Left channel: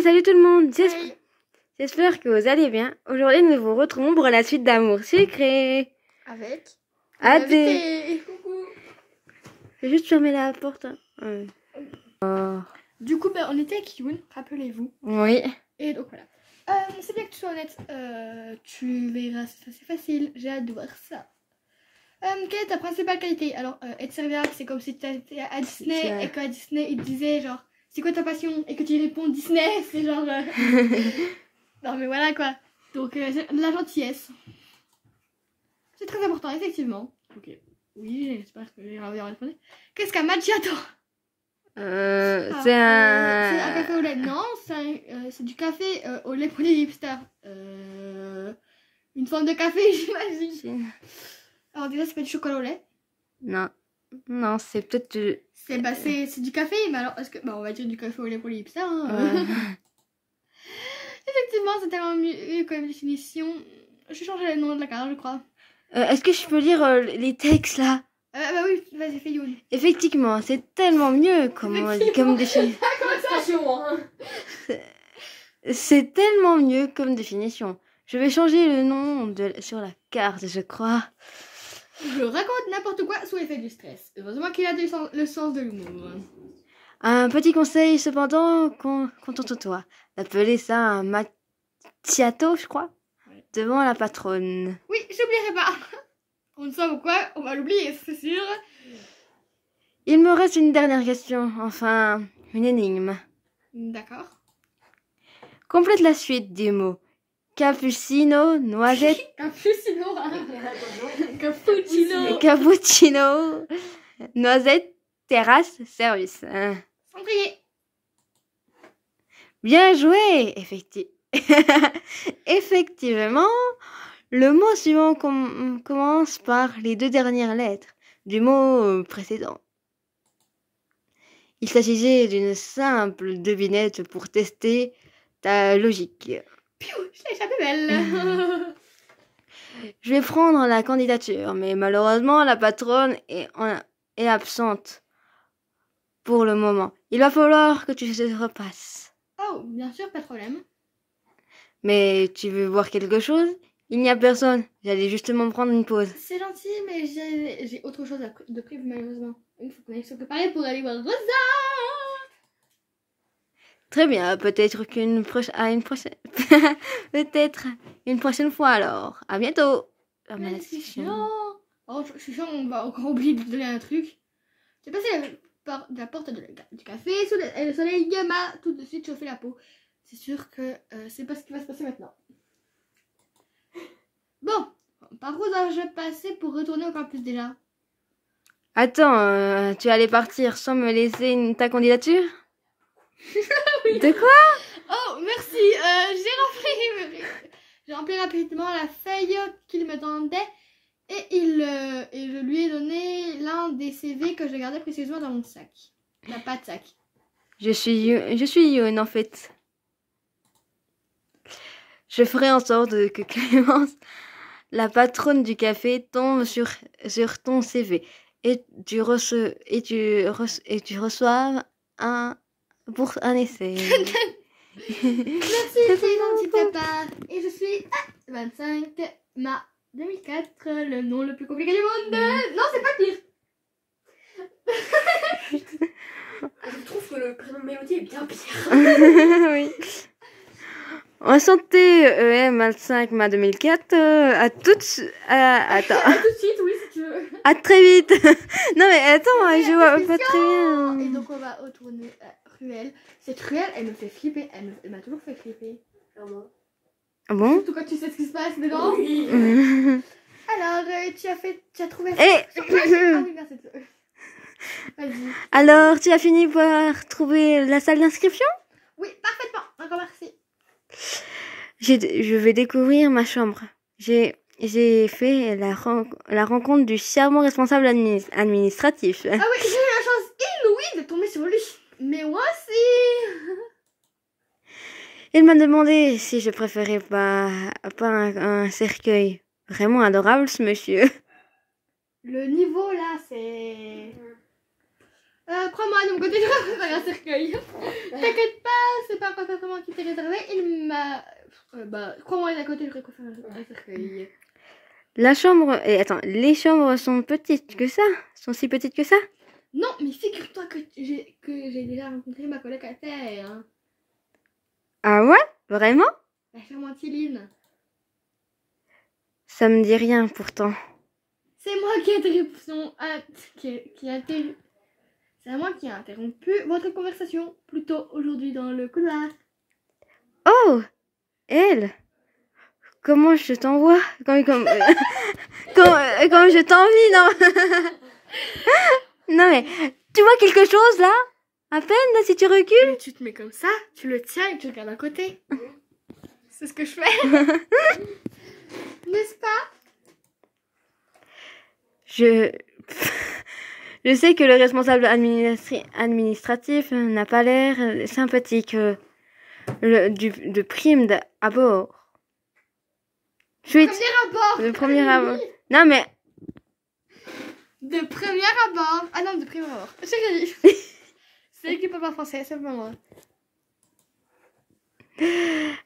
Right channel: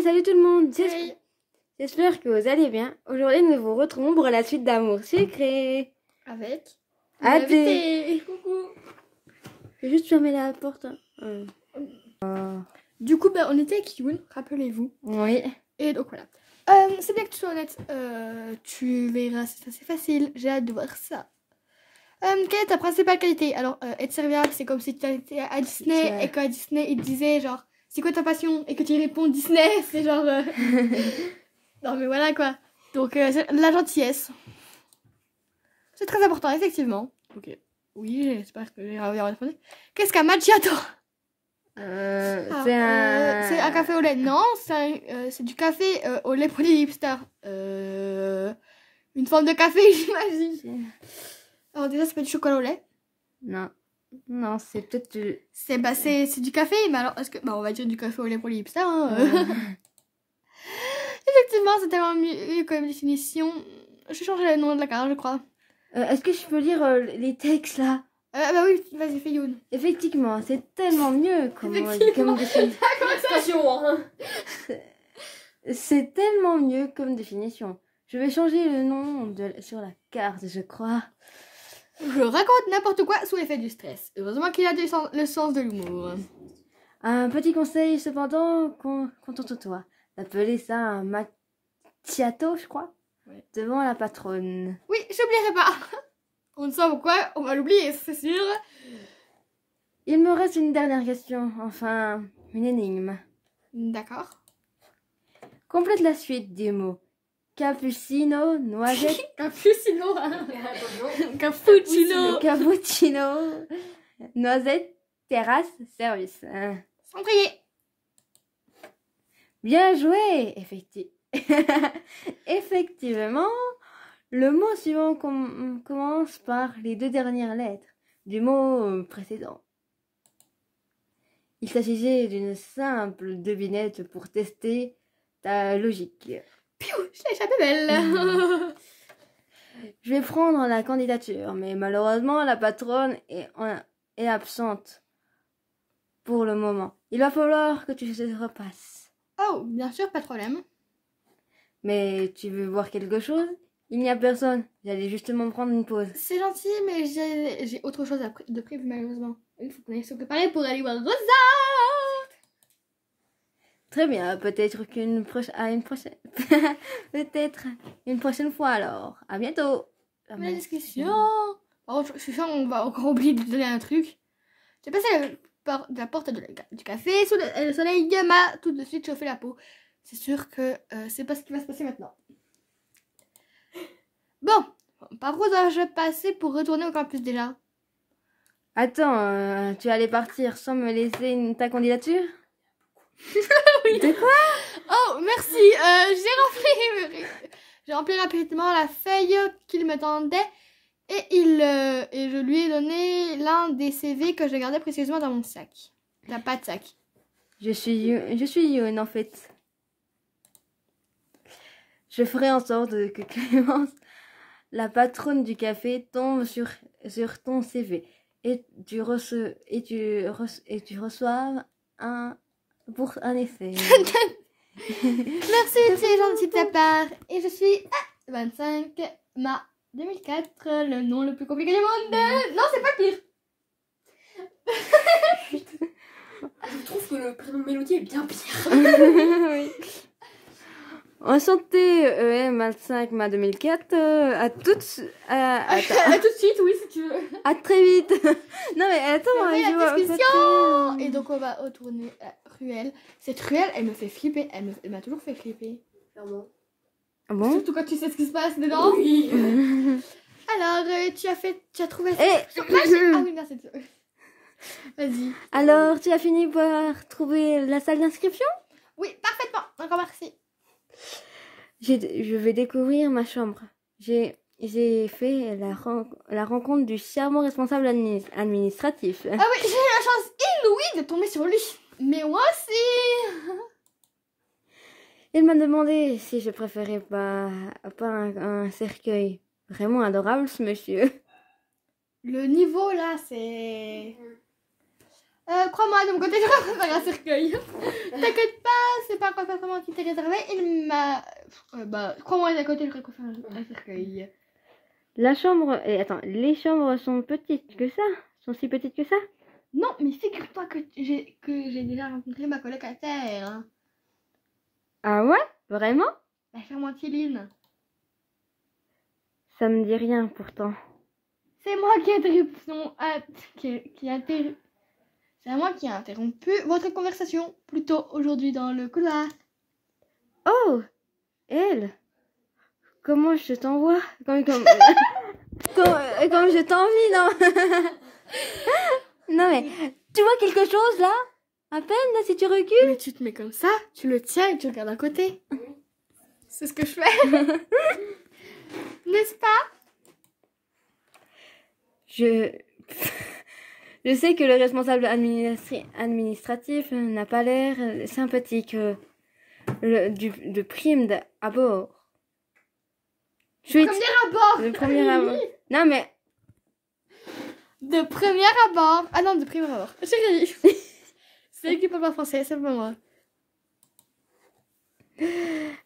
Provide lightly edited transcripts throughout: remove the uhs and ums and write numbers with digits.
Salut tout le monde, Hey. j'espère que vous allez bien. Aujourd'hui nous vous retrouvons pour la suite d'Amour Sucré. Avec Adé. Coucou. Je vais juste fermer la porte. Du coup, on était avec Youn, rappelez-vous. Oui. Et donc voilà. C'est bien que tu sois honnête. Tu verras, c'est assez facile. J'ai hâte de voir ça. Quelle est ta principale qualité? Alors, être serviable, c'est comme si tu étais à Disney et qu'à Disney, ils te disaient genre, c'est quoi ta passion? Et que tu réponds Disney, c'est genre... Non mais voilà quoi. Donc, la gentillesse. C'est très important, effectivement. Ok. Oui, j'espère que j'ai bien répondu. Qu'est-ce qu'un macchiato? C'est un... C'est un café au lait. Non, c'est du café au lait pour les hipsters. Une forme de café, j'imagine. Alors déjà, c'est pas du chocolat au lait. Non. Non, c'est peut-être... C'est du café, mais alors, est-ce que... Bah, on va dire du café au lait pour les hipsters. Hein. Effectivement, c'est tellement mieux comme définition. Je vais changer le nom de la carte, je crois. Est-ce que je peux lire les textes là? Bah oui, vas-y, fais Youn. Effectivement, c'est tellement mieux comme définition. Hein. C'est tellement mieux comme définition. Je vais changer le nom sur la carte, je crois. Je raconte n'importe quoi sous l'effet du stress. Heureusement qu'il a le sens de l'humour. Un petit conseil cependant, contente-toi d'appeler ça un macchiato, je crois, Ouais. devant la patronne. Oui, j'oublierai pas. On ne sait pourquoi, on va l'oublier, c'est sûr. Il me reste une dernière question, enfin, une énigme. D'accord. Complète la suite des mots. Cappuccino, noisette, Cappuccino. Cappuccino. cappuccino, noisette, terrasse, service. Cendrier. Bien joué, effectivement, le mot suivant commence par les deux dernières lettres du mot précédent. Il s'agissait d'une simple devinette pour tester ta logique. Piou, je l'ai échappé belle. Je vais prendre la candidature, mais malheureusement, la patronne est absente pour le moment. Il va falloir que tu te repasses. Oh, bien sûr, pas de problème. Mais tu veux voir quelque chose? Il n'y a personne. J'allais justement prendre une pause. C'est gentil, mais j'ai autre chose de prévu malheureusement. Il faut qu'on aille se préparer pour aller voir Rosa. Très bien, peut-être peut-être une prochaine fois alors. À bientôt. La discussion. Oh, je suis sûre qu'on va encore oublier de donner un truc. J'ai passé la porte du café et le soleil m'a tout de suite chauffé la peau. C'est sûr que c'est pas ce qui va se passer maintenant. Bon, par où dois-je passer pour retourner au campus déjà? Attends, tu allais partir sans me laisser ta candidature? Oui. De quoi? Oh, merci. J'ai rempli rapidement la feuille qu'il me tendait et je lui ai donné l'un des CV que je gardais précieusement dans mon sac. Il n'a pas de sac. Je suis Youn en fait. Je ferai en sorte que Clémence, la patronne du café, tombe sur ton CV et tu reçoives pour un essai. Merci, c'est gentil de ta part. Et je suis 25 mars 2004, le nom le plus compliqué du monde. Non, c'est pas pire. Je trouve que le prénom Mélodie est bien pire. Oui. Enchanté, EM 25 mai 2004. À tout de suite. Attends. À tout de suite, oui, si tu veux. À très vite. Non mais attends, Ouais, je vois pas très bien. Et donc on va retourner à Ruelle. Cette Ruelle, elle me fait flipper. Elle m'a toujours fait flipper. Clairement. Ah bon? Surtout quand tu sais ce qui se passe dedans. Oui. Alors, tu as trouvé ça. Vas-y. Alors, tu as fini par trouver la salle d'inscription? Oui, parfaitement. Encore merci. Je vais découvrir ma chambre. J'ai fait la rencontre du charmant responsable administratif. Ah oui, j'ai eu la chance inouïe de tomber sur lui. Mais moi aussi. Il m'a demandé si je préférais pas un cercueil. Vraiment adorable ce monsieur. Le niveau là, c'est... Crois-moi, de mon côté, je vais faire un cercueil. T'inquiète pas, c'est pas un appartement qui t'est réservé. Il m'a... crois-moi, d'un côté, je vais faire un cercueil. La chambre... Et attends, les chambres sont petites que ça? Sont si petites que ça? Non, mais figure-toi que j'ai déjà rencontré ma colocataire. Hein. Ah ouais? Vraiment? La Fermentiline. Ça me dit rien pourtant. C'est moi qui ai interrompu C'est moi qui ai interrompu votre conversation plus tôt aujourd'hui dans le couloir. Oh! Elle! Comment je t'envoie? Comme je t'envie, non? Non mais, tu vois quelque chose là? À peine là, si tu recules? Mais tu te mets comme ça, tu le tiens et tu regardes à côté. C'est ce que je fais. N'est-ce pas? Je sais que le responsable administratif n'a pas l'air sympathique de prime à bord. Premier abord. Le premier abord. Non mais... De premier abord. Ah non, de premier abord. C'est l'équipe en français, c'est pas moi.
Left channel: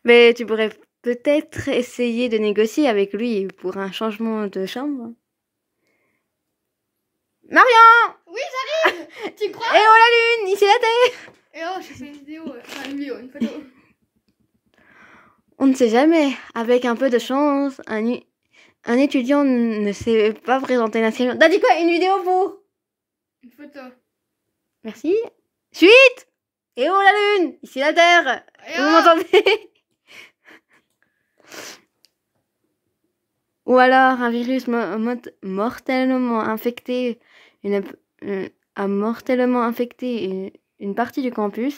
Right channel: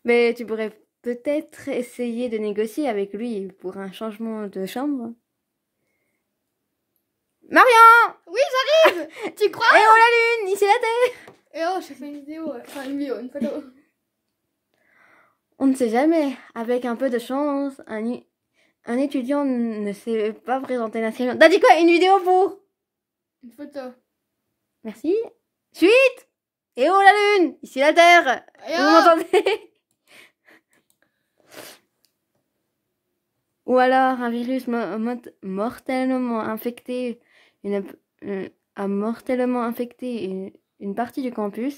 Mais tu pourrais peut-être essayer de négocier avec lui pour un changement de chambre. Marion! Oui, j'arrive. Tu crois? Eh oh la lune, ici la terre! Et oh, je fais une vidéo. Enfin, une photo. On ne sait jamais. Avec un peu de chance, un étudiant ne s'est pas présenté nationalement. T'as dit quoi? Une vidéo pour? Une photo. Merci. Suite! Eh oh la lune! Ici la terre! Et Vous oh m'entendez? Ou alors un virus mortellement infecté a mortellement infecté une partie du campus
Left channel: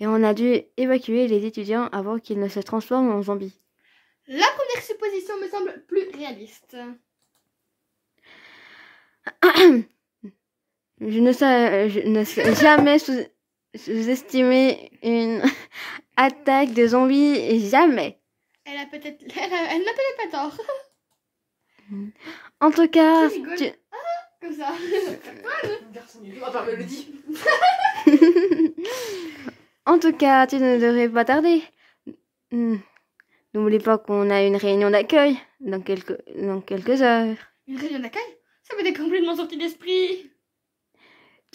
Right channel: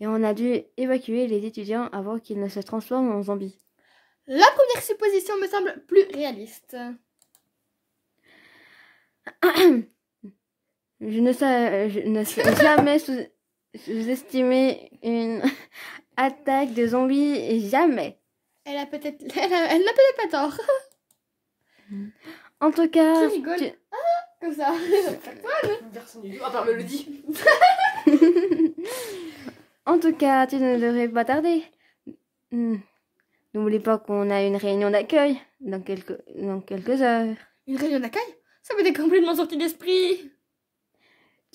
et on a dû évacuer les étudiants avant qu'ils ne se transforment en zombies. La première supposition me semble plus réaliste. Je ne sais jamais sous-estimer une attaque de zombies, jamais. Elle n'a peut-être pas tort. En tout cas, Qui rigole? Comme ça. Personne ne le dit. En tout cas, tu ne devrais pas tarder. N'oublie pas qu'on a une réunion d'accueil dans quelques heures. Une réunion d'accueil? Ça m'était complètement sorti d'esprit.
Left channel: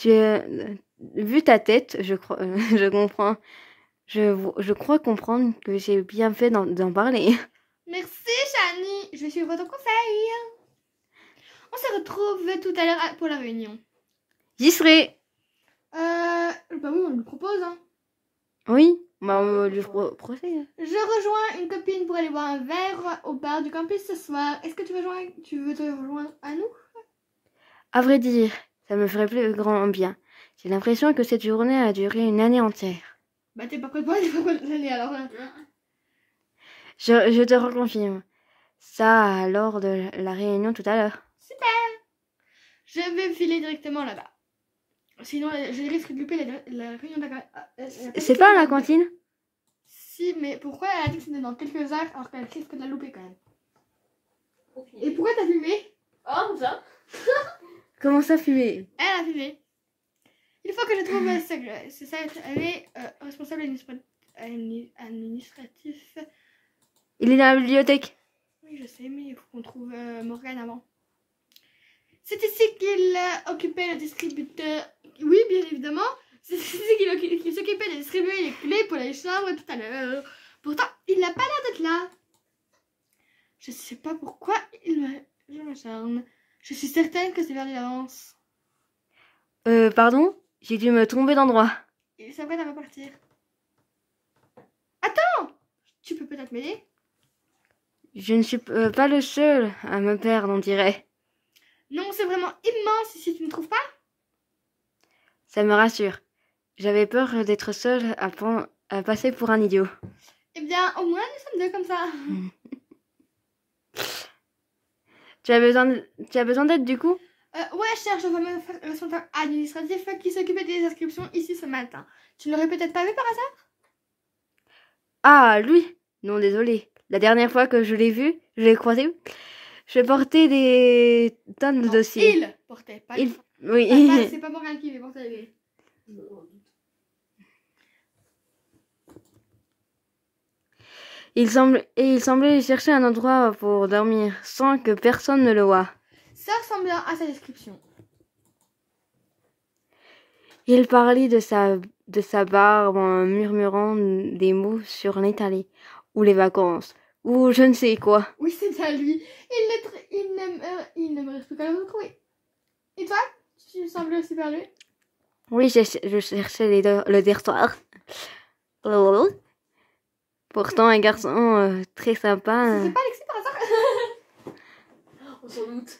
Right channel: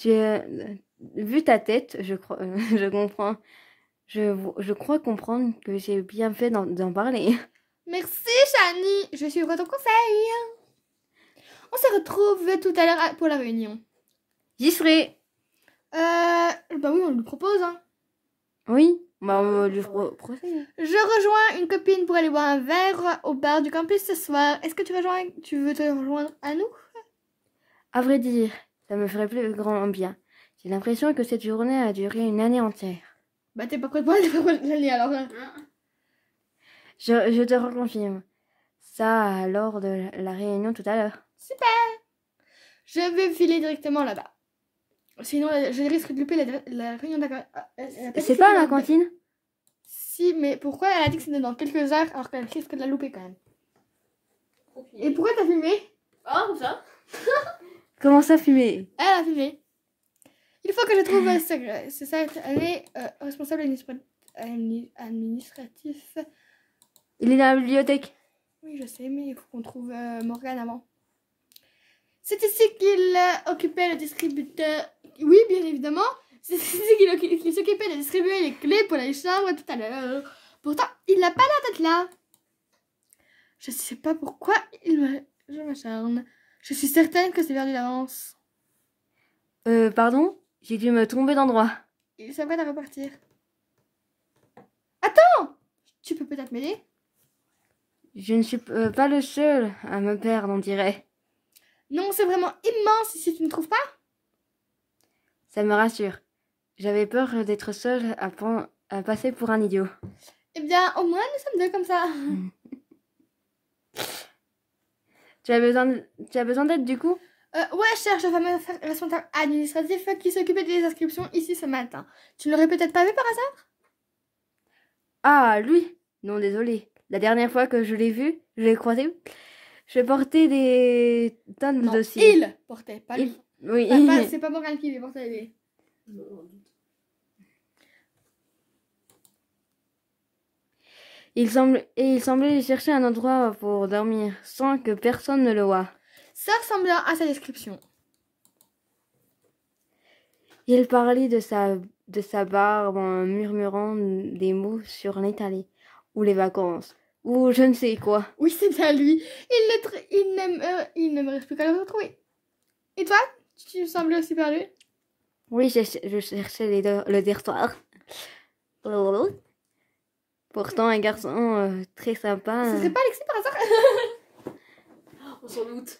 Vu ta tête, je comprends. Je crois comprendre que j'ai bien fait d'en parler. Merci, Shani. Je suis votre conseil. On se retrouve tout à l'heure pour la réunion. J'y serai. Bah oui, on lui propose. Hein. Oui, bah on lui procède. Je rejoins une copine pour aller boire un verre au bar du campus ce soir. Est-ce que tu veux te rejoindre à nous? À vrai dire, ça me ferait plus grand bien. J'ai l'impression que cette journée a duré une année entière. Bah t'es pas prêt pour l'année alors là. Je te reconfirme. Ça lors de la réunion tout à l'heure. Super. Je vais filer directement là-bas. Sinon, je risque de louper la réunion d'accueil. C'est pas à la cantine? Si, mais pourquoi elle a dit que c'était dans quelques heures alors qu'elle risque de la louper quand même? Et pourquoi t'as filmé? Ah, comme ça? Comment ça, fumer? Elle a filmé. Il faut que je trouve elle est responsable administratif. Il est dans la bibliothèque. Oui, je sais, mais il faut qu'on trouve Morgane avant. C'est ici qu'il occupait le distributeur. Oui, bien évidemment. C'est ici qu'il s'occupait de distribuer les clés pour les chambres tout à l'heure. Pourtant, il n'a pas l'air d'être là. Je sais pas pourquoi je m'acharne. Je suis certaine que c'est perdu d'avance. Pardon? J'ai dû me tromper d'endroit. Il s'apprête à repartir. Attends! Tu peux peut-être m'aider? Je ne suis pas le seul à me perdre, on dirait. Non, c'est vraiment immense ici, tu ne trouves pas? Ça me rassure. J'avais peur d'être seule à passer pour un idiot. Eh bien, au moins, nous sommes deux comme ça. Tu as besoin d'aide du coup? Ouais, je cherche le fameux responsable administratif qui s'occupait des inscriptions ici ce matin. Tu ne l'aurais peut-être pas vu par hasard? Ah, lui? Non, désolé. La dernière fois que je l'ai croisé, je portais des tonnes de dossiers. Il portait, pas lui. Oui. C'est pas Morgane qui les portait. Non. Il semblait chercher un endroit pour dormir, sans que personne ne le voie. Ça ressemble bien à sa description. Il parlait de sa barbe en murmurant des mots sur l'Italie, ou les vacances, ou je ne sais quoi. Oui, c'est bien lui. Il ne me reste plus qu'à le retrouver. Et toi, tu sembles aussi perdu? Oui, je cherchais le dortoir. Pourtant, un garçon très sympa C'était pas Alexis par hasard? On s'en doute.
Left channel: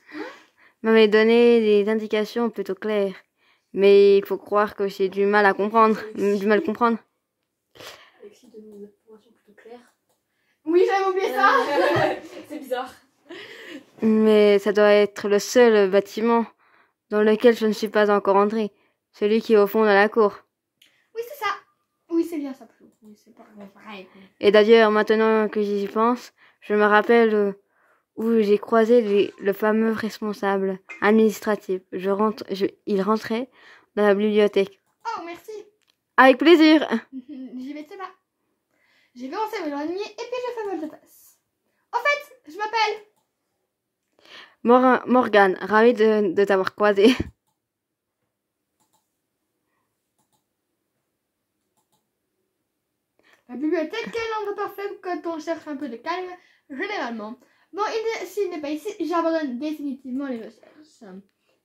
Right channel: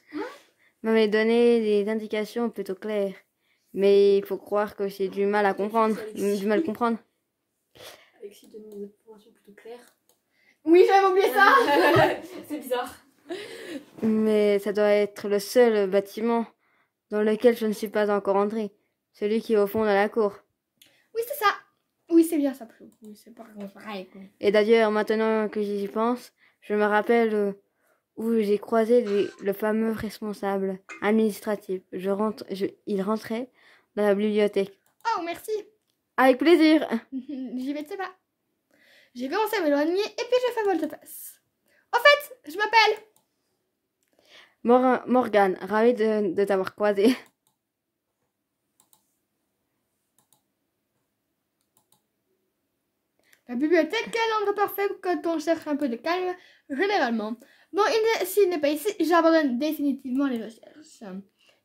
m'avait donné des indications plutôt claires. Mais il faut croire que j'ai du mal à comprendre. Alexis donne des informations plutôt claires. Oui, j'avais oublié ça. C'est bizarre. Mais ça doit être le seul bâtiment dans lequel je ne suis pas encore entrée. Celui qui est au fond de la cour. Oui, c'est ça. Oui, c'est bien ça. Oui, c'est pareil. Et d'ailleurs, maintenant que j'y pense, je me rappelle où j'ai croisé le fameux responsable administratif. Il rentrait dans la bibliothèque. Oh, merci. Avec plaisir. J'y vais de pas. J'ai commencé à m'éloigner et puis j'ai fait volte-face. En fait, je m'appelle Morgane, ravie de t'avoir croisé. La bibliothèque, quel endroit parfait quand on cherche un peu de calme, généralement. Bon, s'il n'est pas ici, j'abandonne définitivement les recherches.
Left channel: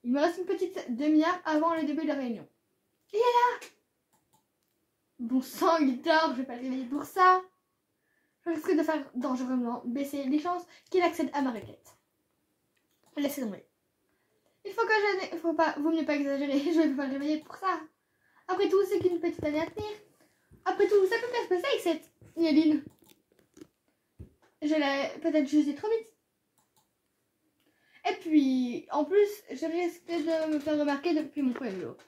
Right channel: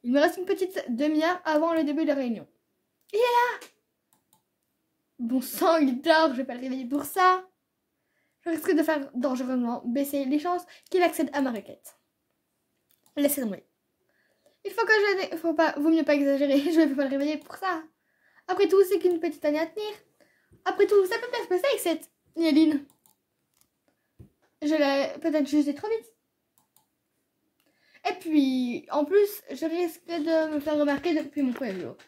Il me reste une petite demi-heure avant le début de la réunion. Il est là! Bon sang, il dort, je vais pas le réveiller pour ça. Je risque de faire dangereusement baisser les chances qu'il accède à ma requête. Laissez tomber. Vaut mieux pas exagérer, je ne vais pas le réveiller pour ça. Après tout, c'est qu'une petite année à tenir. Après tout, ça peut bien se passer avec cette Nieline. Je l'ai peut-être jugée trop vite. Et puis, en plus, je risque de me faire remarquer depuis mon premier jour.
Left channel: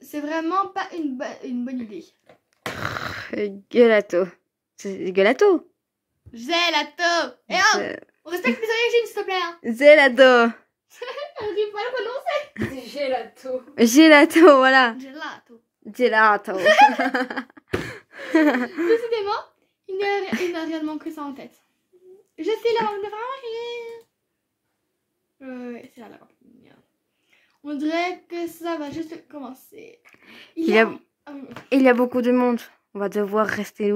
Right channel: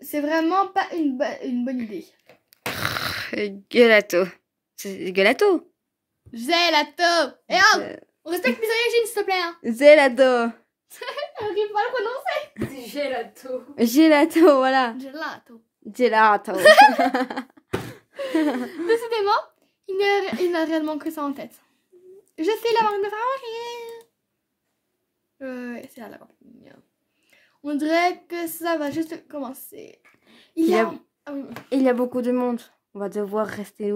C'est vraiment pas une bonne idée. Gelato. C'est gelato. Gelato. Et oh, on respecte mes origines, s'il te plaît. Hein. Gelato. J'arrive pas à le prononcer. C'est gelato. Gelato, voilà. Gelato. Gelato. Décidément, il n'a réellement que ça en tête. Je suis la marque de franchise. C'est là la campagne. On dirait que ça va juste commencer. Il y a beaucoup de monde. On va devoir rester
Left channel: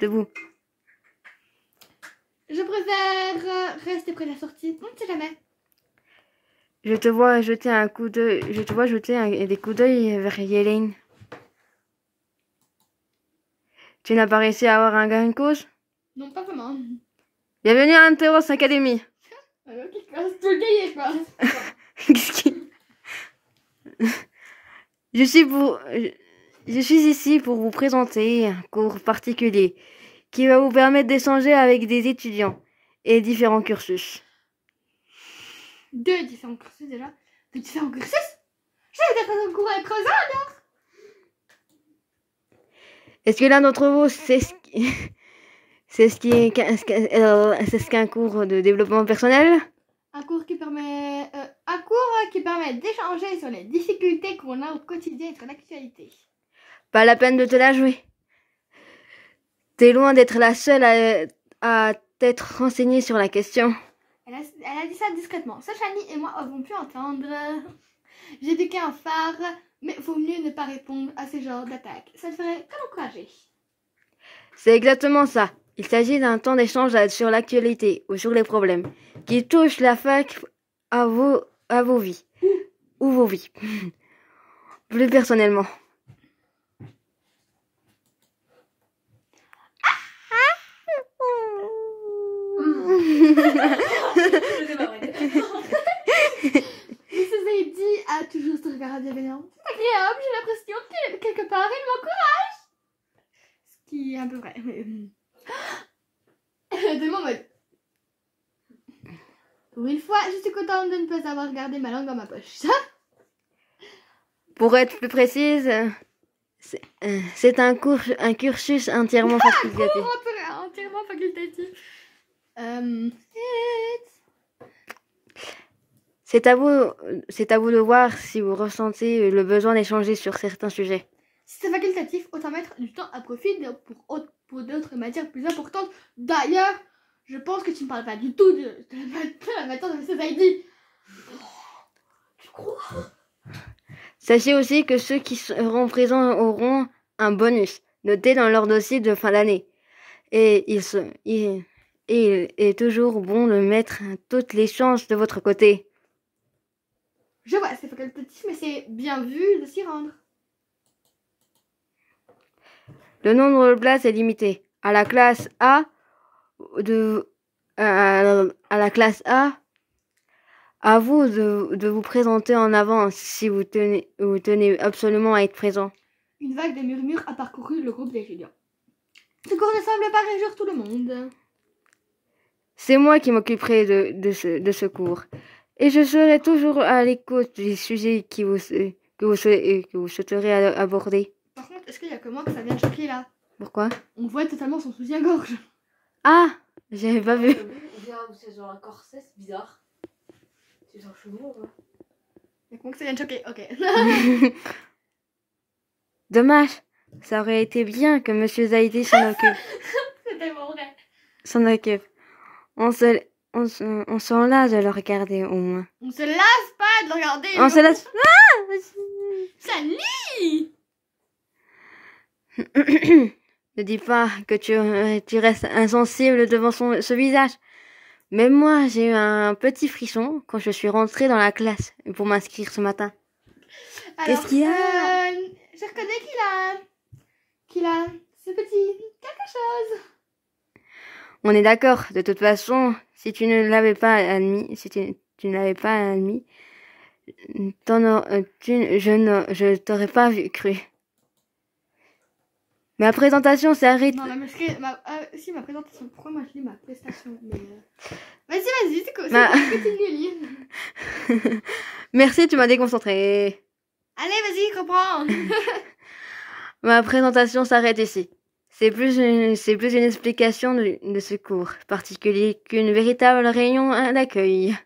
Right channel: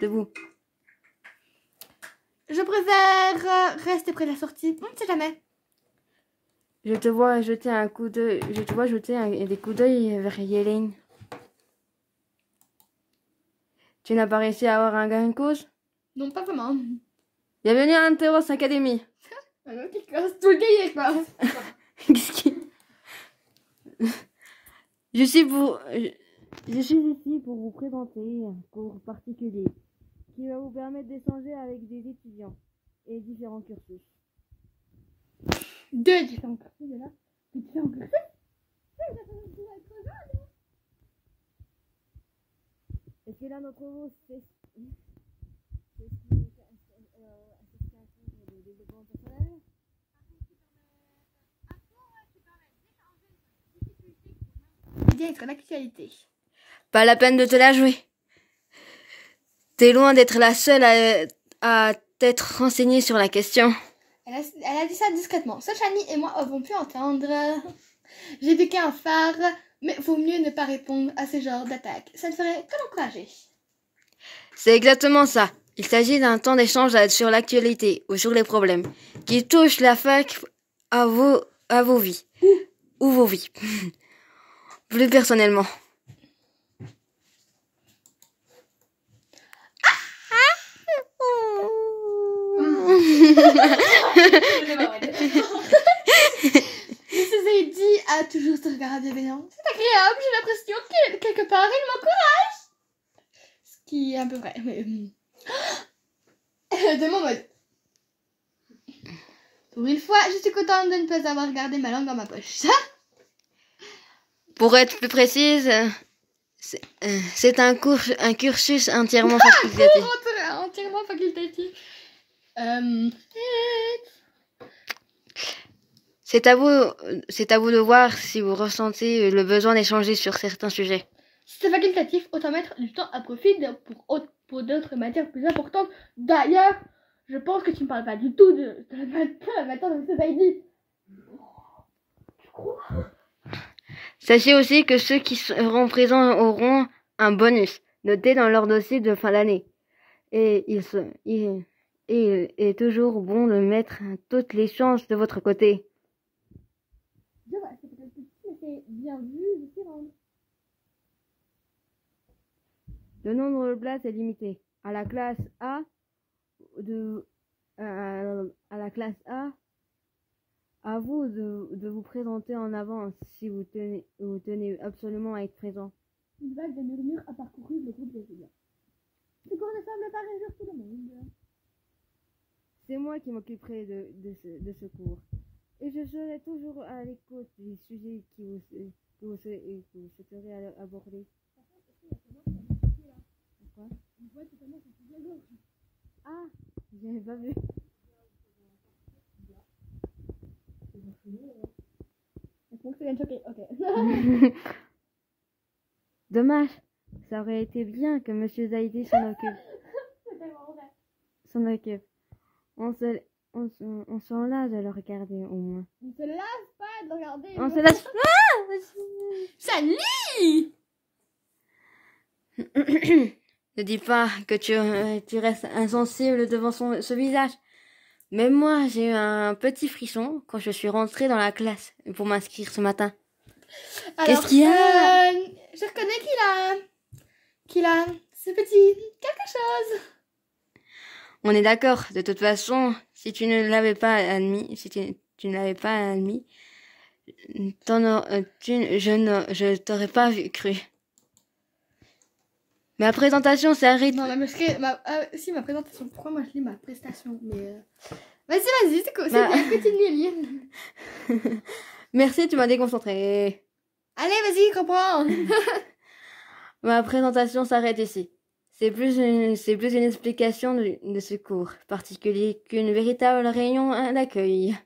debout. Je préfère rester près de la sortie. On ne sait jamais. Je te vois jeter des coups d'œil vers Yélène. Tu n'as pas réussi à avoir un gain de cause? Non, pas vraiment. Bienvenue à Anteros Academy. Qui casse tout le cahier, quoi. Qu'est-ce qui... Je suis ici pour vous présenter un cours particulier qui va vous permettre d'échanger avec des étudiants et différents cursus. Deux différents cursus déjà? De différents cursus? Je vais peut-être un cours avec Rosa alors? Est-ce que l'un d'entre vous sait ce qu'un cours de développement personnel? Un cours qui permet d'échanger sur les difficultés qu'on a au quotidien et sur l'actualité. Pas la peine de te la jouer. T'es loin d'être la seule à t'être renseignée sur la question. Elle a dit ça discrètement. Seul Shani et moi avons pu entendre. J'ai piqué un phare, mais vaut mieux ne pas répondre à ce genre d'attaque. Ça ne ferait que l'encourager. C'est exactement ça. Il s'agit d'un temps d'échange sur l'actualité ou sur les problèmes qui touchent la fac à vos vies. Ou vos vies. Plus personnellement. Mrs. Heidi a toujours ce regard bienveillant. C'est agréable, j'ai l'impression que quelque part il m'encourage. Ce qui est un peu vrai, mais... de mon mode. Pour une fois, je suis contente de ne pas avoir gardé ma langue dans ma poche. Pour être plus précise, c'est un cursus entièrement facultatif. Entièrement facultatif. C'est à vous de voir si vous ressentez le besoin d'échanger sur certains sujets. Si c'est facultatif, autant mettre du temps à profit pour d'autres matières plus importantes. D'ailleurs, je pense que tu ne parles pas du tout de la matière de Mrs. Heidi. Tu crois? Sachez aussi que ceux qui seront présents auront un bonus noté dans leur dossier de fin d'année. Et il est toujours bon de mettre toutes les chances de votre côté. Je vois, c'est facultatif, mais c'est bien vu de s'y rendre. Le nombre de places est limité. À la classe A, à vous de vous présenter en avance si vous tenez absolument à être présent. Une vague de murmures a parcouru le groupe d'étudiants. Ce cours ne semble pas réjouir tout le monde. C'est moi qui m'occuperai de ce cours. Et je serai toujours à l'écoute des sujets que vous souhaiterez aborder. Par contre, est-ce qu'il y a que moi que ça vient choquer là? Pourquoi? On voit totalement son soutien-gorge. Ah, j'avais pas vu. C'est genre un corset, c'est bizarre. C'est genre chelou, hein. Et comment que ça vient de choquer? Ok. Dommage. Ça aurait été bien que Monsieur Zaidi s'en occupe. C'est tellement vrai. S'en occupe. On s'en lasse de le regarder au moins. On se lasse pas de le regarder. On se lasse. Ça lit. Ne dis pas que tu restes insensible devant ce visage. Même moi, j'ai eu un petit frisson quand je suis rentrée dans la classe pour m'inscrire ce matin. Qu'est-ce qu'il y a? Je reconnais qu'il a ce petit quelque chose. On est d'accord. De toute façon, si tu ne l'avais pas admis, je t'aurais pas cru. Ma présentation s'est arrêtée. Non, si, ma présentation. Pourquoi moi je lis ma prestation? Mais vas-y, c'est quoi? Continue à lire. Merci, tu m'as déconcentré. Allez, vas-y, comprends. Ma présentation s'arrête ici. C'est plus une explication de ce cours particulier qu'une véritable réunion d'accueil.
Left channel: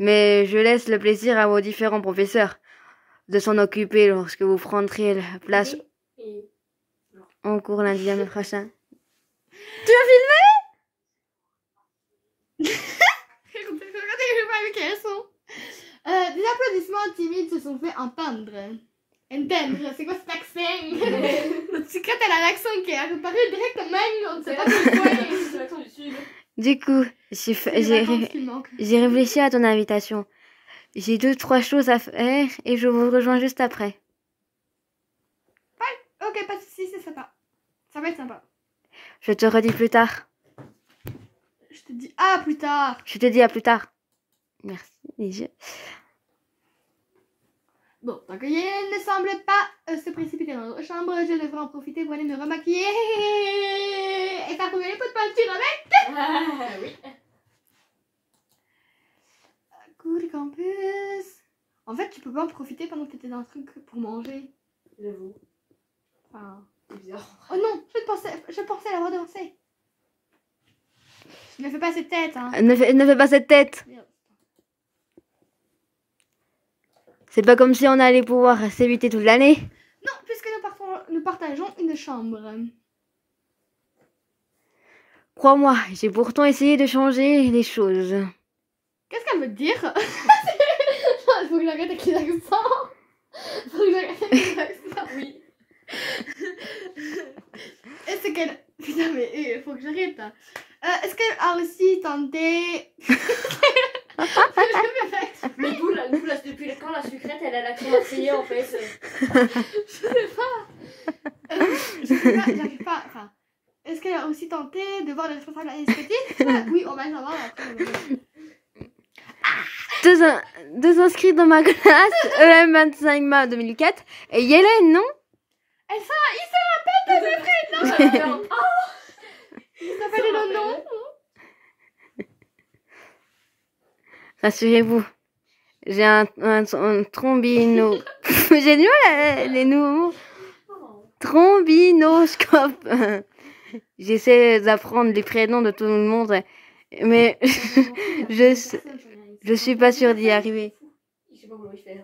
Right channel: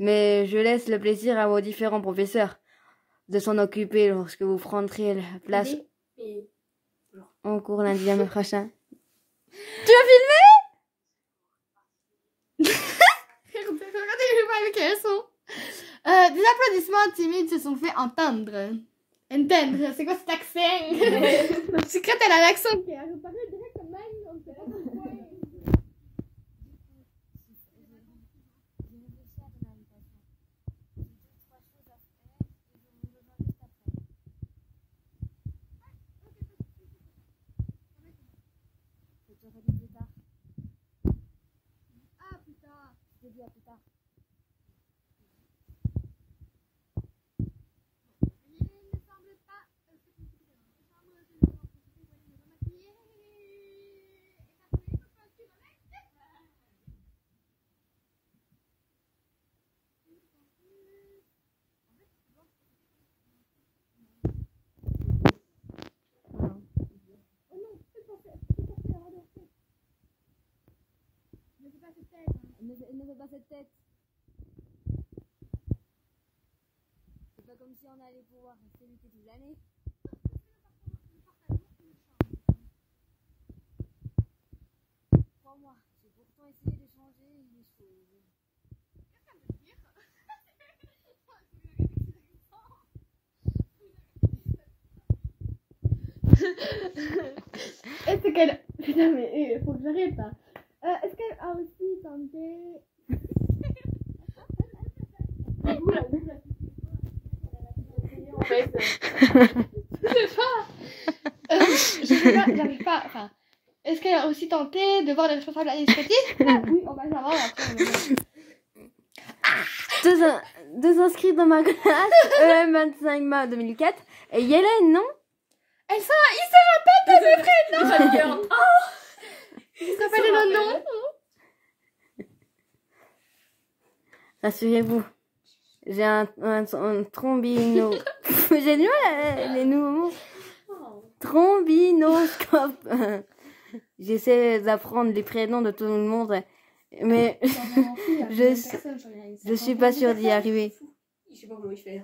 Mais je laisse le plaisir à vos différents professeurs de s'en occuper lorsque vous prendrez la place en cours lundi prochain. Tu as filmé? Regardez, je vois avec quels sont. Des applaudissements timides se sont fait entendre. C'est quoi cet accent? Secrète, elle a l'accent qui est apparu directement. On ne sait pas pourquoi. Du coup, j'ai réfléchi à ton invitation. J'ai 2-3 choses à faire et je vous rejoins juste après. Ouais, ok, pas de soucis, c'est sympa. Ça va être sympa. Je te redis plus tard. Je te dis à plus tard. Je te dis à plus tard. Merci. Bon, donc il ne semble pas se précipiter dans notre chambre. Je devrais en profiter pour aller me remaquiller et faire couler les pots de peinture avec. Ah oui. Cours du campus. En fait, tu peux pas en profiter pendant que t'étais dans le truc pour manger. J'avoue. Enfin... C'est bizarre. Oh non, je pensais l'avoir dansé. Ne fais pas cette tête, hein. Ne fais pas cette tête. Merde. C'est pas comme si on allait pouvoir s'éviter toute l'année. Non, puisque nous partageons une chambre. Crois-moi, j'ai pourtant essayé de changer les choses. Qu'est-ce qu'elle veut dire? Il faut que j'arrête avec les accents. Oui. Est-ce qu'elle... Putain, mais il faut que j'arrête. Hein. Est-ce qu'elle a aussi tenté... Mais vous, là, depuis quand la sucrète, elle a l'accent marseillais en fait? Je sais pas, j'arrive pas. Enfin, est-ce qu'elle a aussi tenté de voir les responsables administratifs? Oui, on va le savoir après. Deux inscrits dans ma classe, EM25MA 2004, et Yélène, non? Il se rappelle de mes prénoms. Il se rappelle de nos noms. Rassurez-vous, j'ai un trombino... J'ai du mal à les nouveaux mots. Trombinoscope. j'essaie d'apprendre les prénoms de tout le monde, mais je suis pas sûre d'y arriver. Je sais pas comment il fait.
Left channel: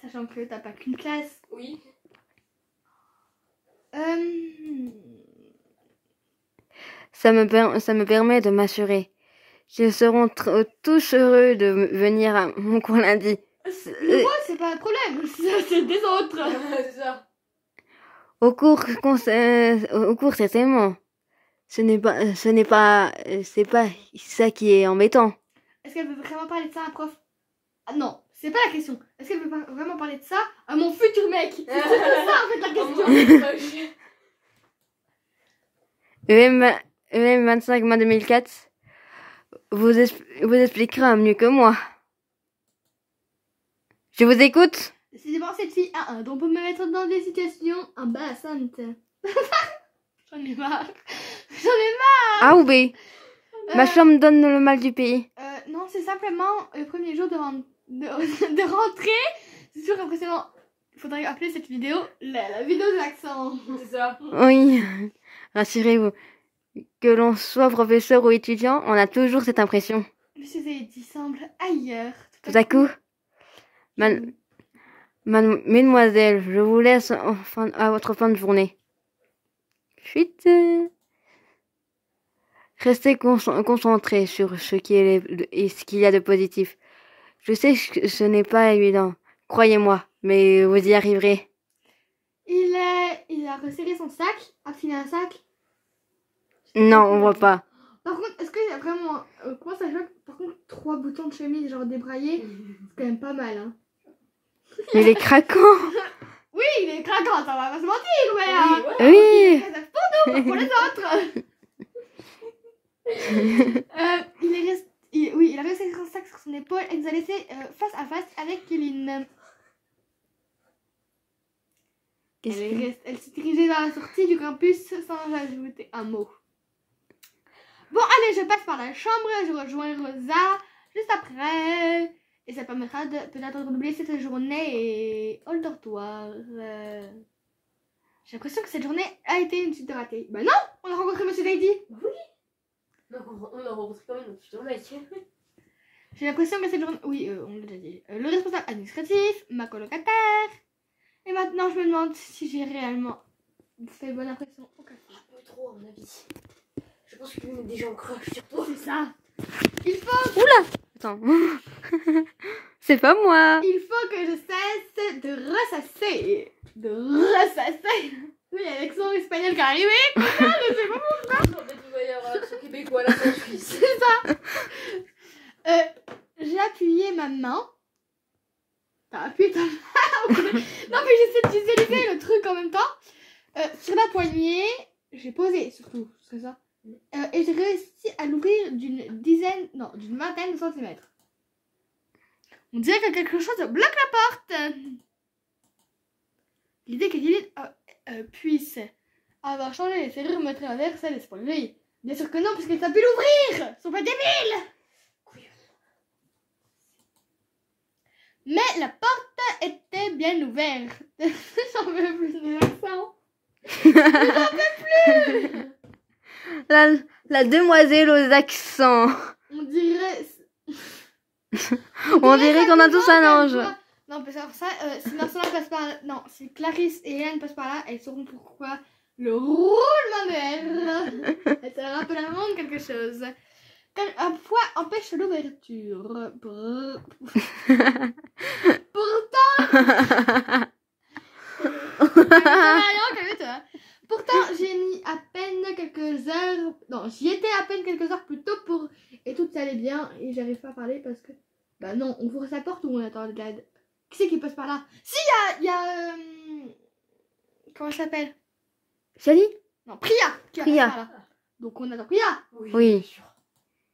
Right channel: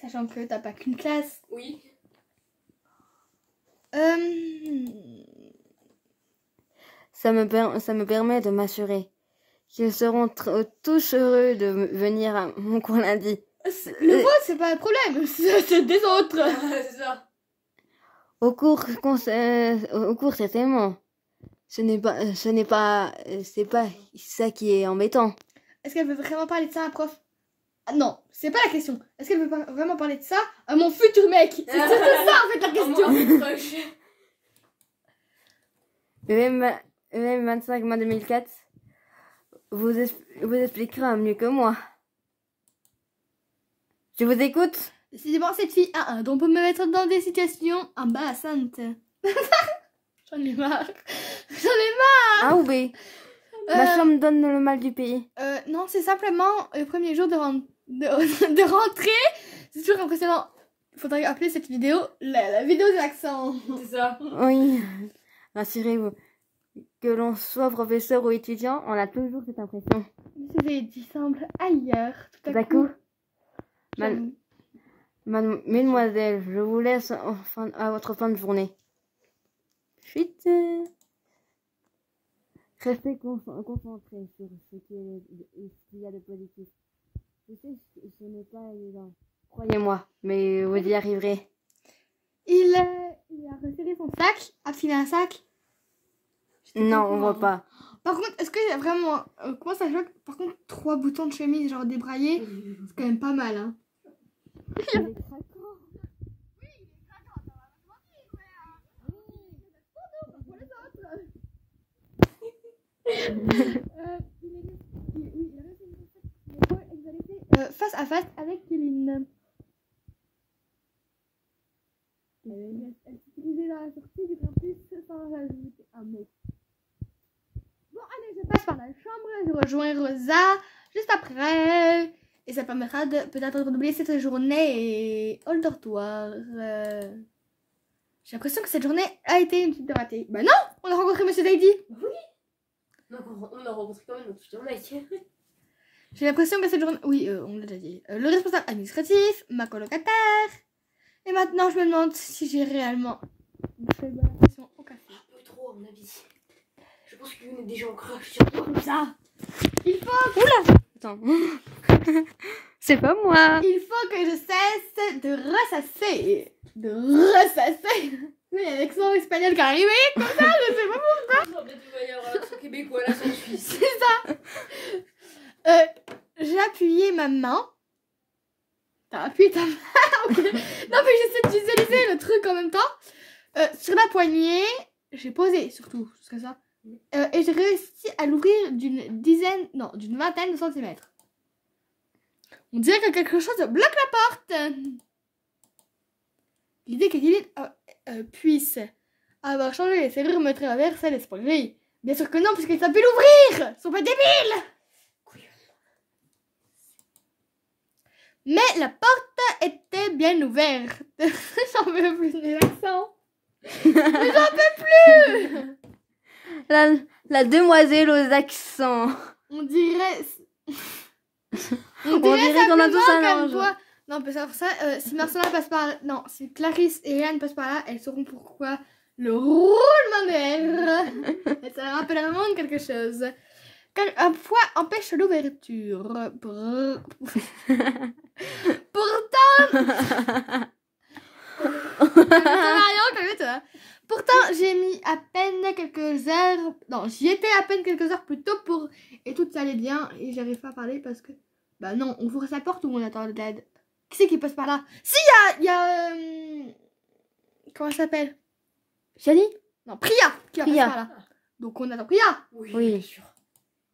Sachant que t'as pas qu'une classe. Oui. Ça me permet de m'assurer qu'ils seront tous heureux de venir à mon cours lundi. Le vote, c'est pas un problème, c'est des autres. C'est ça. Au cours, c'est tellement. C'est pas ça qui est embêtant. Est-ce qu'elle veut vraiment parler de ça à un prof? Ah, non, c'est pas la question. Est-ce qu'elle veut vraiment parler de ça à mon futur mec? C'est ça en fait la question. EM 25 mai 2004 vous expliquera mieux que moi. Je vous écoute. Décidément, cette fille a un don pour me mettre dans des situations embarrassantes. J'en ai marre. A ou B? Ma chambre donne le mal du pays. Non, c'est simplement le premier jour de rentrée. C'est toujours impressionnant. Il faudrait appeler cette vidéo la vidéo de l'accent. C'est ça. Oui, rassurez-vous. Que l'on soit professeur ou étudiant, on a toujours cette impression. Monsieur Zaidi semble ailleurs. Tout à coup, mesdemoiselles, je vous laisse à votre fin de journée. Chut. Restez concentrés sur ce qu'il y a de positif. Je sais que ce n'est pas évident, croyez-moi, mais vous y arriverez. Il a resserré son sac, affilé un sac. Non, on voit pas. Par contre, est-ce qu'il y a vraiment... comment ça choque? Par contre, 3 boutons de chemise genre débraillés, c'est quand même pas mal, hein. Mais il est craquant. Oui, il est craquant, ça va pas se mentir, mais... Oui. Pour nous, pour les autres. Il a resserré son sac sur son épaule et nous a laissé face à face avec Kéline. Elle s'est dirigée vers la sortie du campus sans ajouter un mot. Bon, allez, je passe par la chambre, je rejoins Rosa juste après. Et ça permettra peut-être d'oublier cette journée au dortoir. J'ai l'impression que cette journée a été une suite de ratée. Bah non, on a rencontré Monsieur Zaidi. Oui. Donc on a rencontré quand même notre futur mec. J'ai l'impression que cette journée... Oui, on l'a déjà dit. Le responsable administratif, ma colocataire. Et maintenant, je me demande si j'ai réellement fait bonne impression au café. Un peu trop, à mon avis. Je pense que des gens crush sur toi. Comme ça. Il faut... Oula. Attends. C'est pas moi. Il faut que je cesse de ressasser. De ressasser. Oui, avec son espagnol qui est arrivé. Comme ça, je sais pas pourquoi. En fait, il va y avoir l'accent québécois, l'accent suisse. C'est ça. J'ai appuyé ma main. T'as appuyé ta main. Non, mais j'essaie de visualiser le truc en même temps. Sur la poignée, j'ai posé surtout, c'est ça. Et j'ai réussi à l'ouvrir d'une vingtaine de centimètres. On dirait que quelque chose bloque la porte. L'idée qu'Éline puisse avoir changé les serrures me traverse l'esprit. Bien sûr que non, puisqu'elle a pu l'ouvrir. Ils sont pas débiles. Mais la porte était bien ouverte. J'en veux plus de l'accent. J'en peux plus. La demoiselle aux accents. On dirait qu'on a tous un ange. Non, parce que ça, si Marcella passe par là, non, si Clarisse et Yann passent par là, elles sauront pourquoi le roulement de et ça rappelle vraiment quelque chose. Un poids empêche l'ouverture. Pourtant, j'ai mis à peine quelques heures. Non, j'y étais à peine quelques heures plus tôt pour. Et tout allait bien. Et j'arrive pas à parler parce que. Bah non, on ouvre sa porte ou on attend de l'aide. Qui c'est qui passe par là? Si, il y a. Comment ça s'appelle? Chali? Non, Priya. Priya. Par là. Donc on attend Priya. Oui. Bien sûr.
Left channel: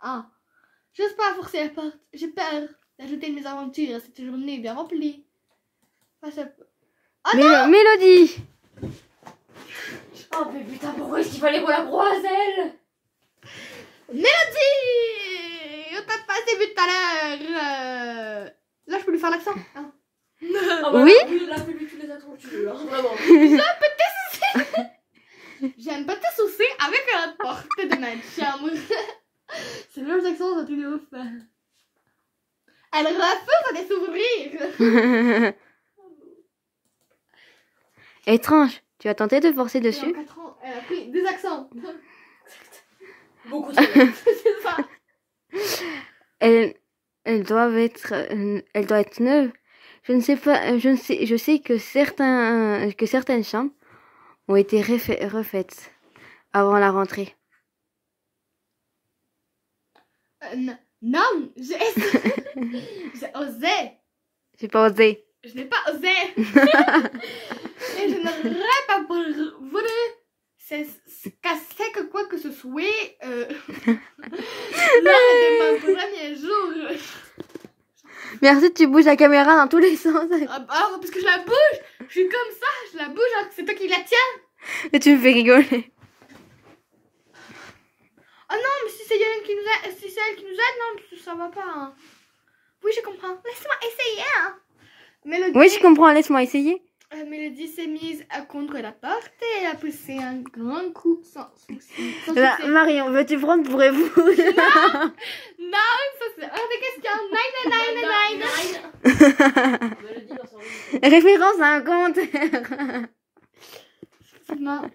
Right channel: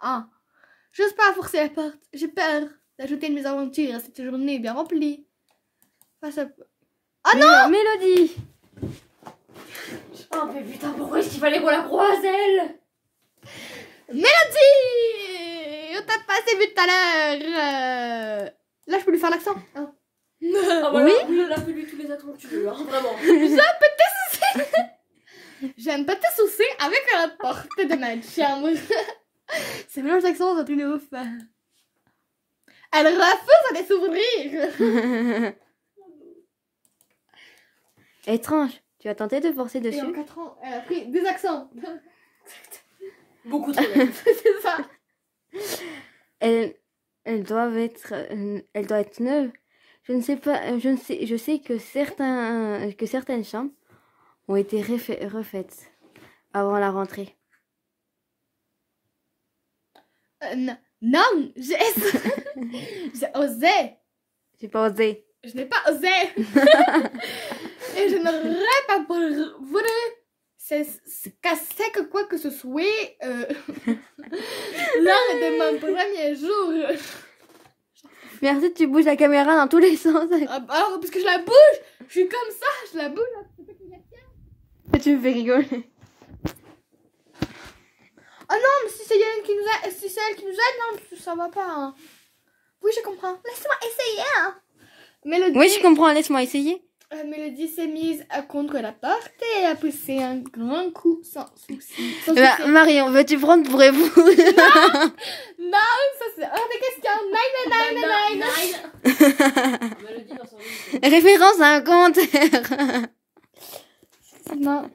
Ah. J'ose pas forcer la porte. J'ai peur d'ajouter une mésaventure à cette journée bien remplie. Face à... Ah non! Mélodie! Oh mais putain, pourquoi est-ce qu'il fallait qu'on la croiselle? Mélodie! On t'a pas assez vu tout à l'heure. Là, je peux lui faire l'accent. Hein. Ah bah Oui. Là, fais-lui tous les accents que tu veux, hein, vraiment. J'aime pas te soucier accent, c'est une ouf. Elle refuse à des sourires. Étrange. Tu as tenté de forcer Et en dessus? 4 ans, elle a pris des accents. Beaucoup trop. C'est ça. Elles doivent être, elle doit être neuve. Je ne sais pas, je sais que certaines chambres ont été refaites avant la rentrée. Non, j'ai osé. J'ai pas osé. Je n'ai pas osé. Et je n'aurais pas voulu casser que quoi que ce soit lors de mon premier jour. Merci, tu bouges la caméra dans tous les sens. Alors, parce que je la bouge, je suis comme ça, je la bouge alors que c'est toi qui la tiens. Et tu me fais rigoler. Oh non, mais si c'est elle qui nous aide, si c'est elle qui nous aide, non, ça va pas. Hein. Oui, je comprends. Laisse-moi essayer. Hein. Mélodie, Oui, je comprends. Laisse-moi essayer. Mélodie s'est mise contre la porte et elle a poussé un grand coup sans souci. Marion, veux-tu prendre pour épouse? Non, ça c'est hors de question. Nine. Mélodie dans son lit. Référence à un commentaire. Non.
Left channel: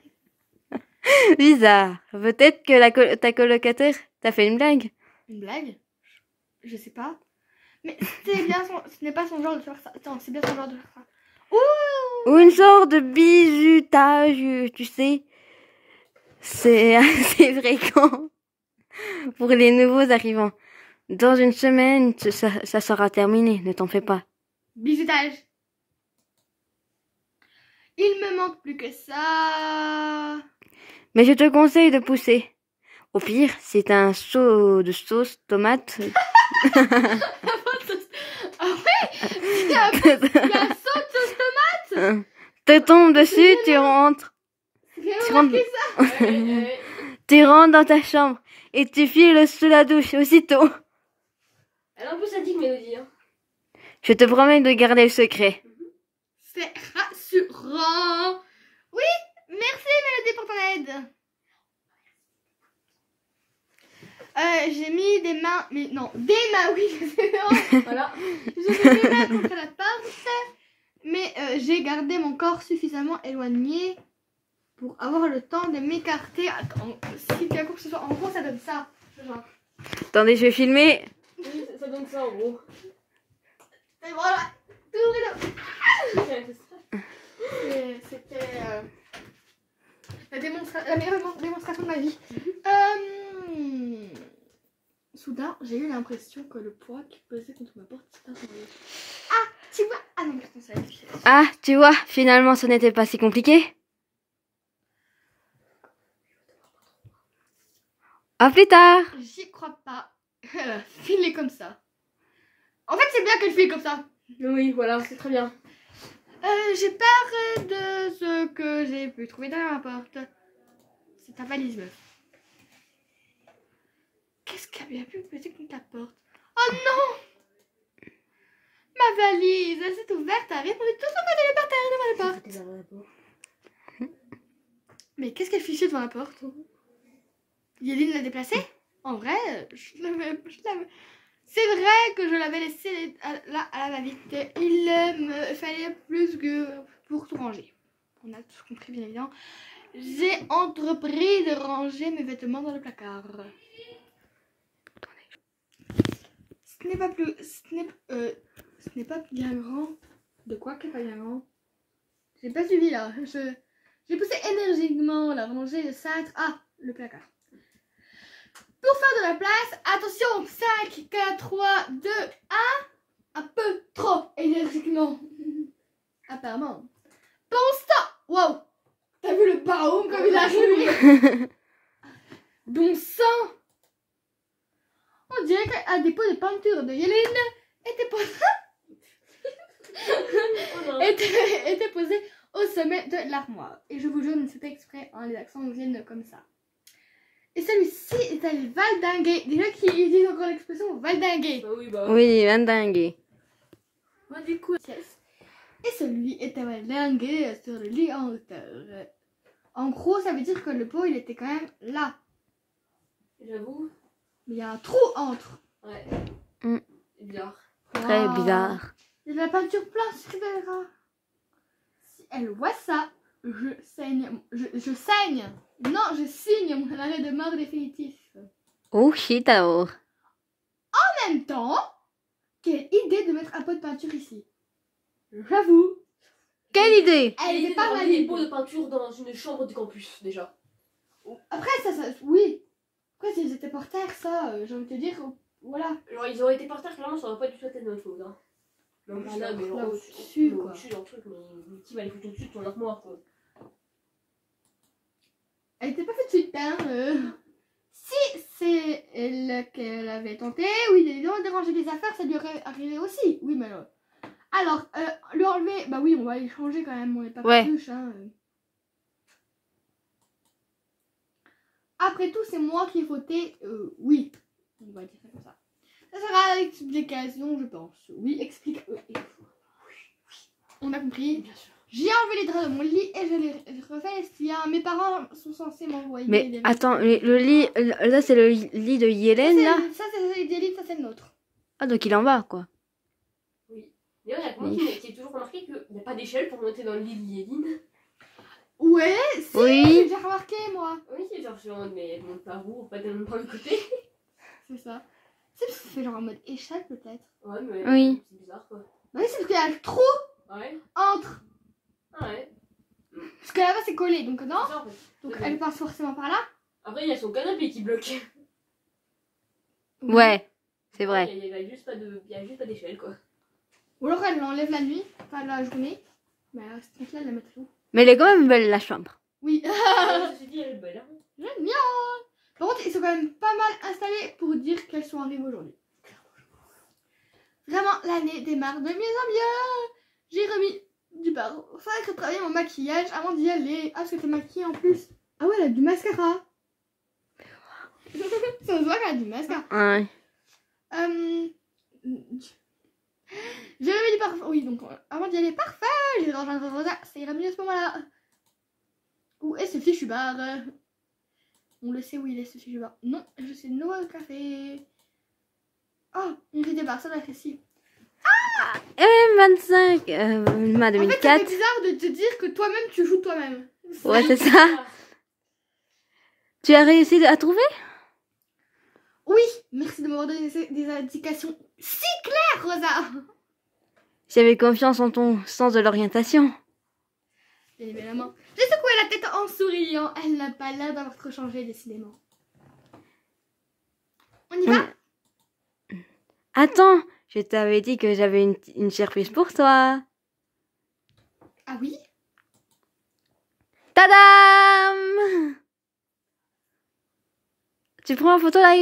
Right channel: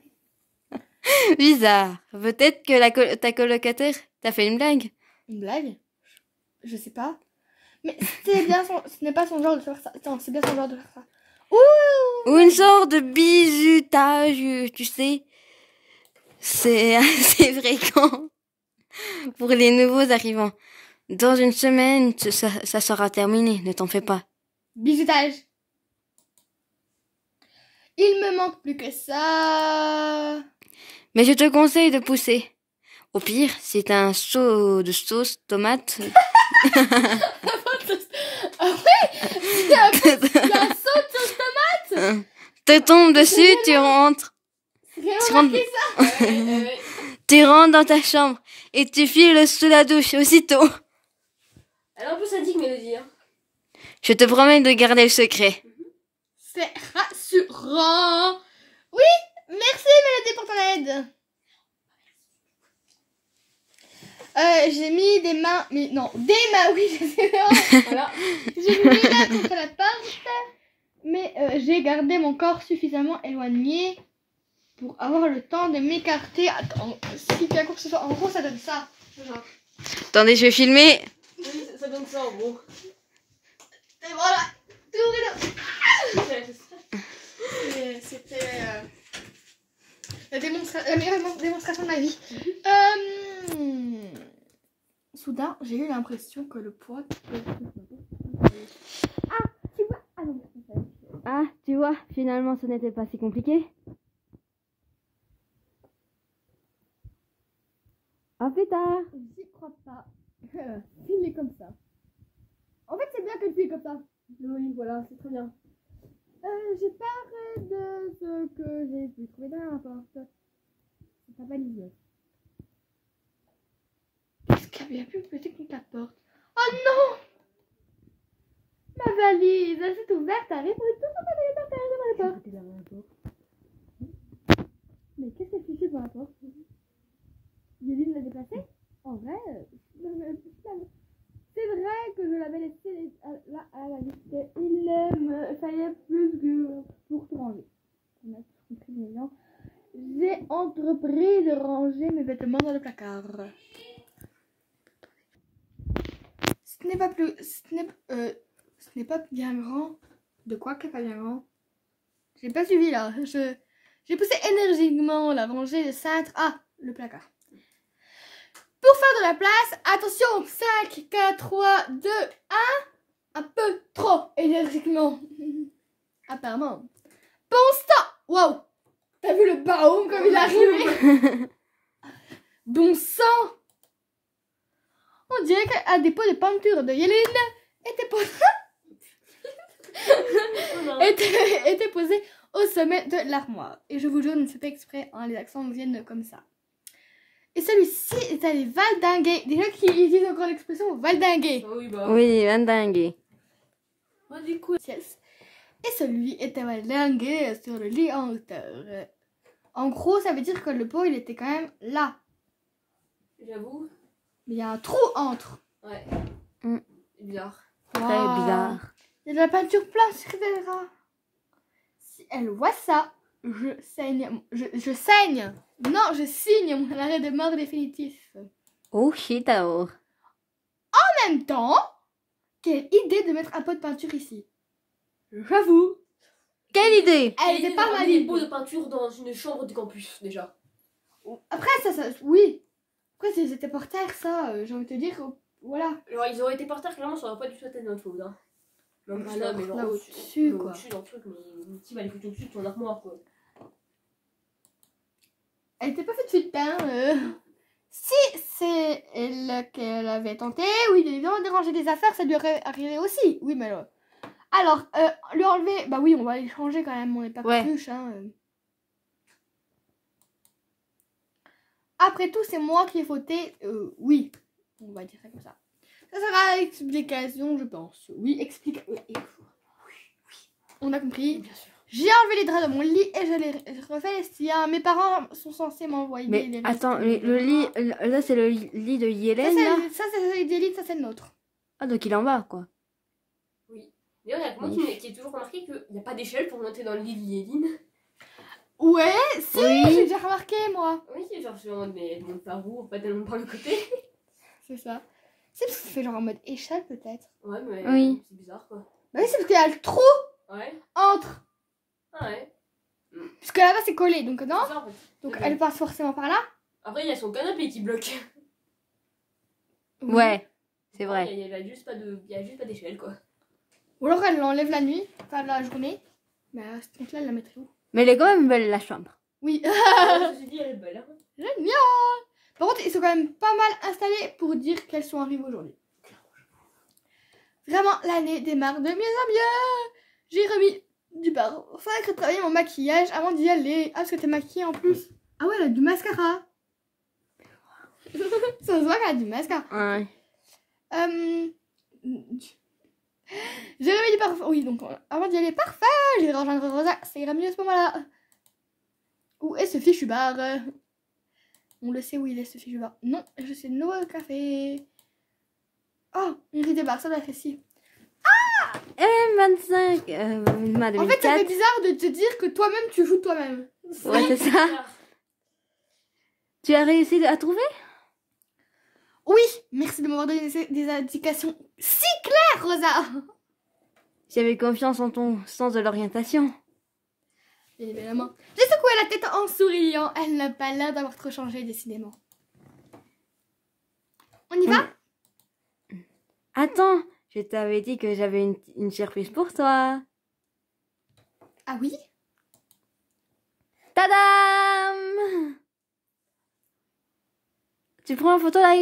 Bizarre. Peut-être que ta colocataire t'a fait une blague. Une blague? Je sais pas. Mais c'est bien ce n'est pas son genre de faire ça. Attends, c'est bien son genre de faire ça. Ouh! Ou une sorte de bizutage, tu sais. C'est assez fréquent pour les nouveaux arrivants. Dans une semaine, ça sera terminé, ne t'en fais pas. Bizutage. Il me manque plus que ça. Mais je te conseille de pousser. Au pire, c'est un seau de sauce tomate. Ah ouais? Il y a un saut de tomate. Te tombe dessus, tu rentres. Tu rentres, tu rentres dans ta chambre et tu files sous la douche aussitôt. Elle est un peu sadique, Mélodie. Hein. Je te promets de garder le secret. C'est rassurant. Oui, merci Mélodie pour ton aide. J'ai mis des mains, mais non, des mains, oui, Voilà. j'ai mis les mains contre la porte, mais j'ai gardé mon corps suffisamment éloigné pour avoir le temps de m'écarter. Attends, si bien que ce soit, en gros, ça donne ça. Genre. Attendez, je vais filmer. Oui, ça donne ça en gros. Et voilà, tout rideau. C'était la meilleure démonstration de ma vie. Soudain, j'ai eu l'impression que le poids qui pèse contre ma porte. Ah, tu vois. Ah non, putain, ça va. Ah, tu vois, finalement, ce n'était pas si compliqué. À plus tard. J'y crois pas. Filer comme ça. En fait, c'est bien qu'elle file comme ça. Oui, voilà, c'est très bien. J'ai peur de ce que j'ai pu trouver derrière la porte. C'est ta valise, meuf. Qu'est-ce qu'elle a pu péter contre la porte? Oh non! Ma valise, elle s'est ouverte, elle a répondu tout ce qu'on allait par terre devant la porte. Mais qu'est-ce qu'elle fichait devant la porte? Yéline l'a déplacée? En vrai, je l'avais... C'est vrai que je l'avais laissée là à la va-vite. Il me fallait plus que pour tout ranger. On a tous compris, bien évidemment. J'ai entrepris de ranger mes vêtements dans le placard. Ce n'est pas plus... Ce n'est pas bien grand. De quoi qu'elle n'est pas bien grand? J'ai pas suivi là. J'ai poussé énergiquement la rangée de cintre. Ah, le placard. Pour faire de la place, attention, 5, 4, 3, 2, 1. Un peu trop énergiquement. Apparemment. Bon sang. Wow. T'as vu le baum comme il est arrivé? Bon sang. On dirait qu'un dépôt de peinture de Yéline était posé au sommet de l'armoire. Et je vous jure, c'est pas exprès, hein, les accents nous viennent comme ça. Et celui-ci est allé valdinguer. Déjà qui disent encore l'expression valdinguer. Oui, bah. Oui, dingue. Moi, du coup, yes. Et celui était valdingué sur le lit en hauteur. En gros, ça veut dire que le pot, il était quand même là. J'avoue. Mais il y a un trou entre. Ouais. Mm. C'est bizarre. Très Waouh. bizarre. Il y a de la peinture plein sur Vera. Si elle voit ça, je saigne. Je saigne. Non, je signe mon arrêt de mort définitif. Oh shit alors. En même temps, quelle idée de mettre un pot de peinture ici. J'avoue. Quelle idée! Elle était pas mal. mal. Des pots de peinture dans une chambre du campus, déjà. Après, ça oui. Après, si c'était par terre, ça, j'ai envie de te dire, voilà. Genre, ils auraient été par terre, clairement, ça aurait pas du tout été de notre faute. Hein. Même Bah, plus là, mais genre là au-dessus, au-dessus, là, quoi. au-dessus dans le truc, mais Tim, elle est foutue au-dessus de ton armoire, quoi. Elle était pas faite suite peine. Si c'est elle qu'elle avait tenté, oui, de déranger des affaires, ça lui aurait arrivé aussi. Oui, mais alors, le enlever, bah oui, on va les changer quand même, on n'est pas Ouais. cruche, hein. Après tout, c'est moi qui ai fauté, oui, on va dire ça comme ça. Ça sera explication, je pense. Oui, explique. Oui. On a compris. Bien sûr. J'ai enlevé les draps de mon lit et je les refais si mes parents sont censés m'envoyer Mais des attends, le lit, là c'est le lit de Yélène là? Ça c'est celui d'élite, ça c'est le nôtre. Ah donc il est en bas quoi. Oui. D'ailleurs, il y a que moi qui ai toujours remarqué qu'il n'y a pas d'échelle pour monter dans le lit de Yéline. Ouais, si, Oui. j'ai déjà remarqué moi. Oui, genre, je suis en mode, mais elle monte par où? Pas tellement par le côté. C'est ça. C'est parce que c'est genre en mode échelle peut-être. Ouais, mais Oui. c'est bizarre, quoi. Bah oui, c'est parce qu'il y a le trou Ouais. entre. Ouais. Parce que là-bas c'est collé, donc non. C'est ça, en fait. Donc Ouais. elle passe forcément par là. Après, il y a son canapé qui bloque. Ouais, c'est vrai. Il y a juste pas d'échelle, quoi. Ou alors elle l'enlève la nuit, enfin la journée. Mais à ce truc-là, elle la mettrait où? Mais elle est quand même belle la chambre. Oui. Je me suis dit, elle est belle. Hein. Génial. Par contre, ils sont quand même pas mal installés pour dire qu'elles sont arrivées aujourd'hui. Vraiment, l'année démarre de mieux en mieux. J'ai remis du parfum, retravaillé mon maquillage avant d'y aller. Ah, parce que t'es maquillée en plus. Ah ouais, elle a du mascara. Ça se voit qu'elle a du mascara. Ouais. J'ai remis du parfum. Oui, donc avant d'y aller, parfait. J'ai rejoindre Rosa. Ça ira mieux à ce moment-là. Où est ce fichu bar? On le sait où il est ce fichu bar. Non, je sais Noël Café. Oh, une idée bar, ça doit être ici. 25, ma En fait, ça 2004. fait bizarre de te dire que toi-même tu joues toi-même. Ouais, c'est ça. Tu as réussi à trouver? Oui, merci de m'avoir donné des indications si claires, Rosa. J'avais confiance en ton sens de l'orientation. Bien évidemment. J'ai secoué la tête en souriant. Elle n'a pas l'air d'avoir trop changé, décidément. On y va? Attends, je t'avais dit que j'avais une surprise pour toi. Ah oui? Tadam! Tu prends en photo là?